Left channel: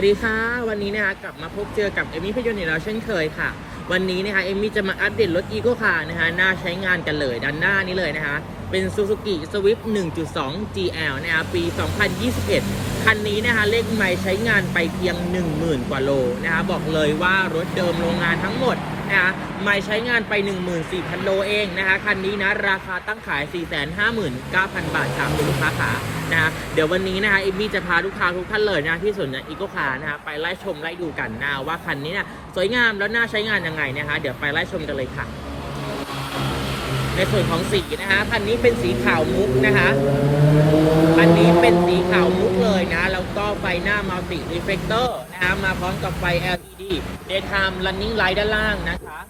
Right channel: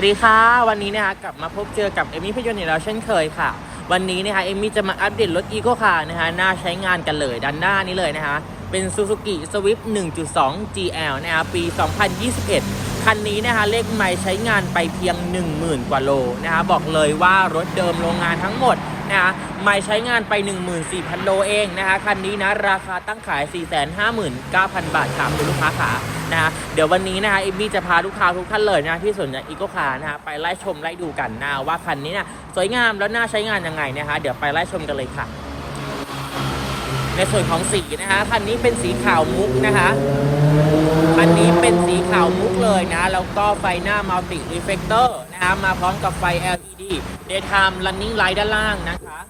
สวัสดีค่ะ วันนี้นะคะกลับมาพบเจอกับเอมี่พยนต์อีกแล้วเช่นเคยค่ะ วันนี้นะคะเอมี่จะมาอัปเดตรถอีโก้คาร์นะคะน่าใช้งานกันเลยด้านหน้านี้เลยนะคะเป็น Suzuki Swift 1.2 GL นะคะปี 2021 คันนี้นะคะเลขไม่ใช้งานไปเพียง 10,000 กว่าโลนะคะบอกเลยว่ารถเดิมโรงงานทั้งหมด นะคะไม่ใช้งานไป 14,000 โลเองนะคะ คันนี้นะ ราคาตั้งขาย 459,000 บาทค่ะคุณลูกค้าขานะคะเดี๋ยววันนี้นะคะเอมมี่จะพาลูกค้าทุกท่านเลยนะที่สนใจอีโกคาร์นะคะไปไล่ชมไล่ดูกันนะว่าคันนี้นี่ยสวยงามแล้วน่าใช้งานยังไงนะคะเดี๋ยวไปไล่ชมกันเลยค่ะ ในส่วนของสีนะคะคันนี้เป็นสีขาวมุกนะคะ คันนี้เป็นสีขาวมุกเลยนะ แล้วก็ไฟหน้า Multi Reflector นะคะมาพร้อมกับไฟ LED Daytime Running Light ด้านล่างนะคะ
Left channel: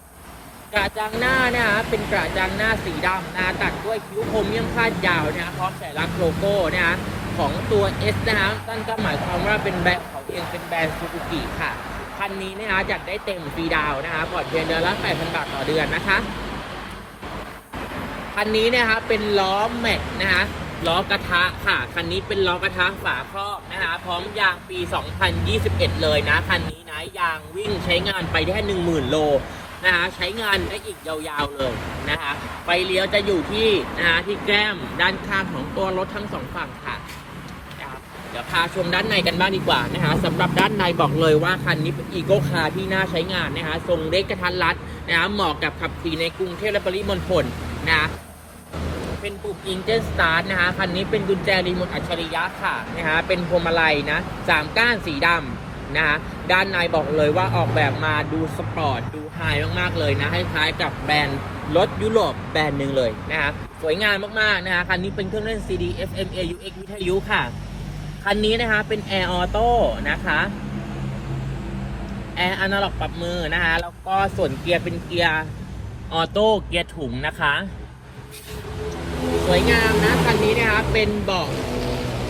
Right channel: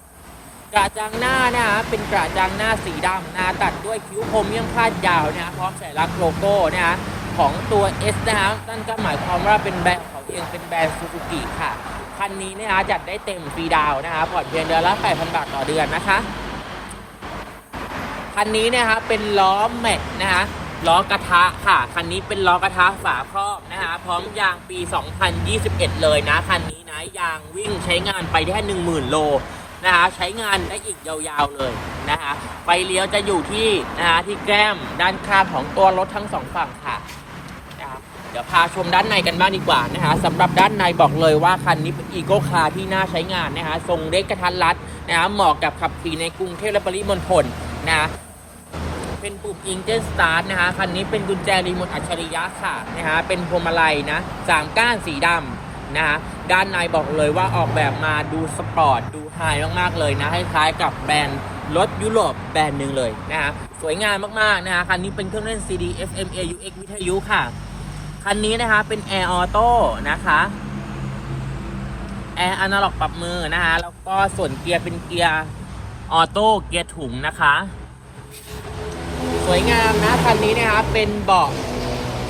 กระจังหน้านะคะเป็นกระจังหน้าสีดำนะตัดด้วยคิ้วคมเยี่ยมคาดยาวนะพร้อมสัญลักษณ์โลโก้นะคะของตัว S นะคะนั่นก็หมายความว่าเป็นแบรนด์ของเองเป็นแบรนด์ซูซูกิค่ะคันนี้นะคะจัดได้เต็มฟรีดาวนะคะผ่อนเพียงเดือนละ 8,000 บาทต่อเดือนนะคะคันนี้นะคะเป็นล้อแม็กนะคะ ล้อกระทะค่ะ คันนี้เป็นล้อกระทะฝาครอบนะคะพร้อมยางปี 2021 เลยนะ คันนี้นะยางวิ่งใช้งานไปได้ 10,000 โลนะคะใช้งานได้อีกยาวๆเลยนะคะไฟเลี้ยวจะอยู่ที่นะคะที่แก้มด้านข้างของตัวรถทั้งสองฝั่งค่ะเดี๋ยวพาชมด้านในกันบ้างดีกว่านะคะสำหรับด้านในบอกเลยว่าคันนี้เป็นอีโก้คาร์ที่น่าใช้งานนะคะทรงเล็กกระทัดรัดนะคะเหมาะกับขับขี่ในกรุงเทพและปริมณฑลนะะ เป็นปุ่ม Engine Start นะคะคันนี้เป็นกุญแจรีโมทอัจฉริยะค่ะนะฮะเป็นพวงมาลัยนะสามก้านสีดำนะฮะด้านในบอกเลยว่าออกแบบมาดูสปอร์ตดูไฮมากๆเลยนะคล้ายๆกับแบรนด์รถยุโรปแบรนด์หนึ่งเลยนะฮะสวยงามมากๆนะฮะคันนี้เป็นเครื่องเล่น CD FM AUX วิทยุค่ะ คันนี้นะคะเป็น Air Auto นะคะแอร์อนาล็อกปรับมือนะคะแล้วก็ส่วนเกียร์เป็นเกียร์ออโต้เกียร์ถุงนะคะ สวยงามนะคันนี้นะคะเป็นเบาะ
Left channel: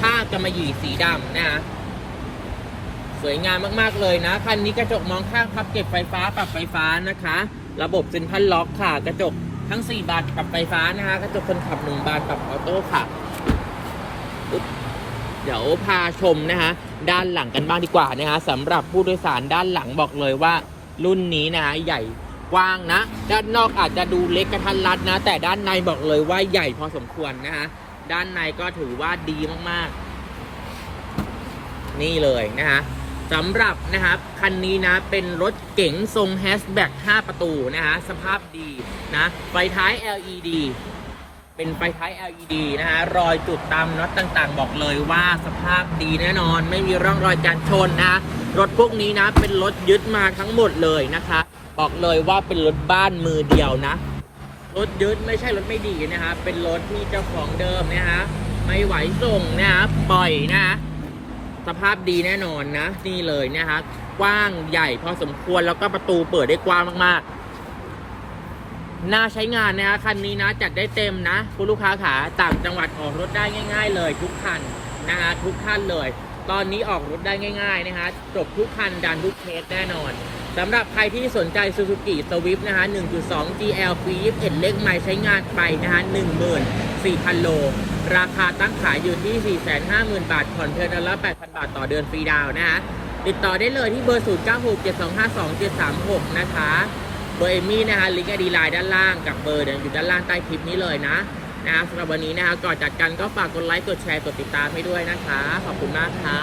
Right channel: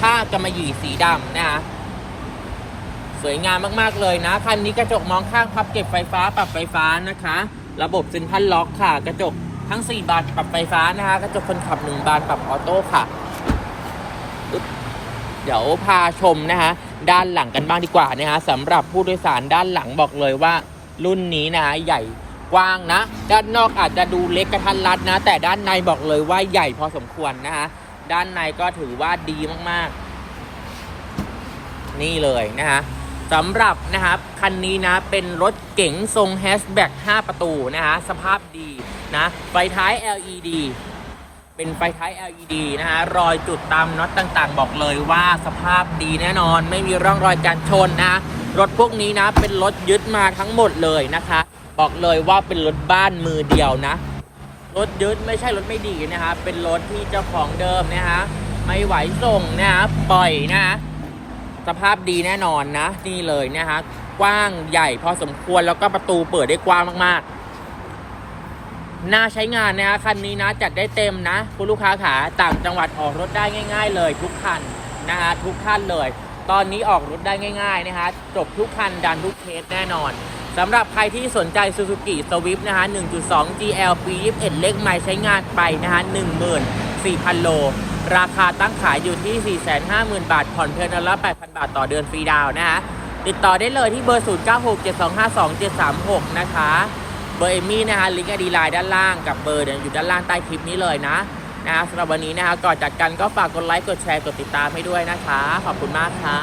ผ้ากำมะหยี่สีดำนะคะสวยงามมากๆเลยนะคันนี้กระจกมองข้างพับเก็บไฟฟ้าปรับไฟฟ้านะคะ ระบบเซ็นทรัลล็อกค่ะ กระจกทั้ง 4 บานปรับไฟฟ้านะคะ กระจกคนขับ 1 บานปรับออโต้ค่ะ เดี๋ยวพาชมนะคะ ด้านหลังกันบ้างดีกว่านะคะสำหรับผู้โดยสารด้านหลังบอกเลยว่า รุ่นนี้นะคะใหญ่ กว้างนะ ด้านนอกอาจจะดูเล็กกระทันรัดนะ แต่ด้านในบอกเลยว่าใหญ่พอสมควรนะคะด้านในก็ถือว่าดีมากๆ นี่เลยนะคะสำหรับนะครับคันนี้นะเป็นรถเก๋งทรงแฮชแบ็ก5ประตูนะคะสภาพดีนะไฟท้าย LED เป็นไฟท้าย LED นะฮะรอยจุดตามน็อตต่างๆ บอกเลยว่าสภาพดีแน่นอน ไม่มีร่องรอยการชนนะ รถพวกนี้นะเป็นรถยึดมาทั้งหมดเลยนะคะ บอกเลยว่าเป็นรถบ้านมือเดียวนะ รถยึดไม่ใช่รถไม่ดีนะฮะเป็นรถที่เจ้าของเดิมนะฮะไม่ไหวส่งนะฮะปล่อยนะะสภาพดีแน่นอนนะนี่เลยนะฮะกว้างใหญ่พอสมควรแล้วก็ประตูเปิดได้กว้างมากๆ น่าใช้งานนะฮะคันนี้นะจัดได้เต็มนะคุณลูกค้าขาต่างจังหวัดออกรถได้ง่าย ๆ เลยทุกคันนะฮะทุกท่านเลย ตอนนี้ออกรถได้ง่าย ๆ นะฮะจบทุกคันดันทุกเคสแน่นอน สำหรับใครที่สนใจ Suzuki Swift นะฮะ 1.2 GL ปี 21 เล็กใหม่ใช้งานไปนะฮะ 14,000 โล ราคาตั้งขายอยู่ที่ 450,000 บาท ผ่อนเพียงเดือนละ 8,000 บาทต่อเดือนฟรีดาวนะฮะ ติดต่อได้เลยที่เบอร์ 0967252736 นะคะ เบอร์เอมี่นะคะลิงก์อดีไลน์ด้านล่างกับเบอร์อยู่ด้านล่างใต้คลิปนี้เลยนะนะสำหรับวันนี้นะคะก่อนจัดกันก็ฝากกดไลค์ กดแชร์ กดติดตามให้ด้วยนะคะ ขอบคุณมากค่ะ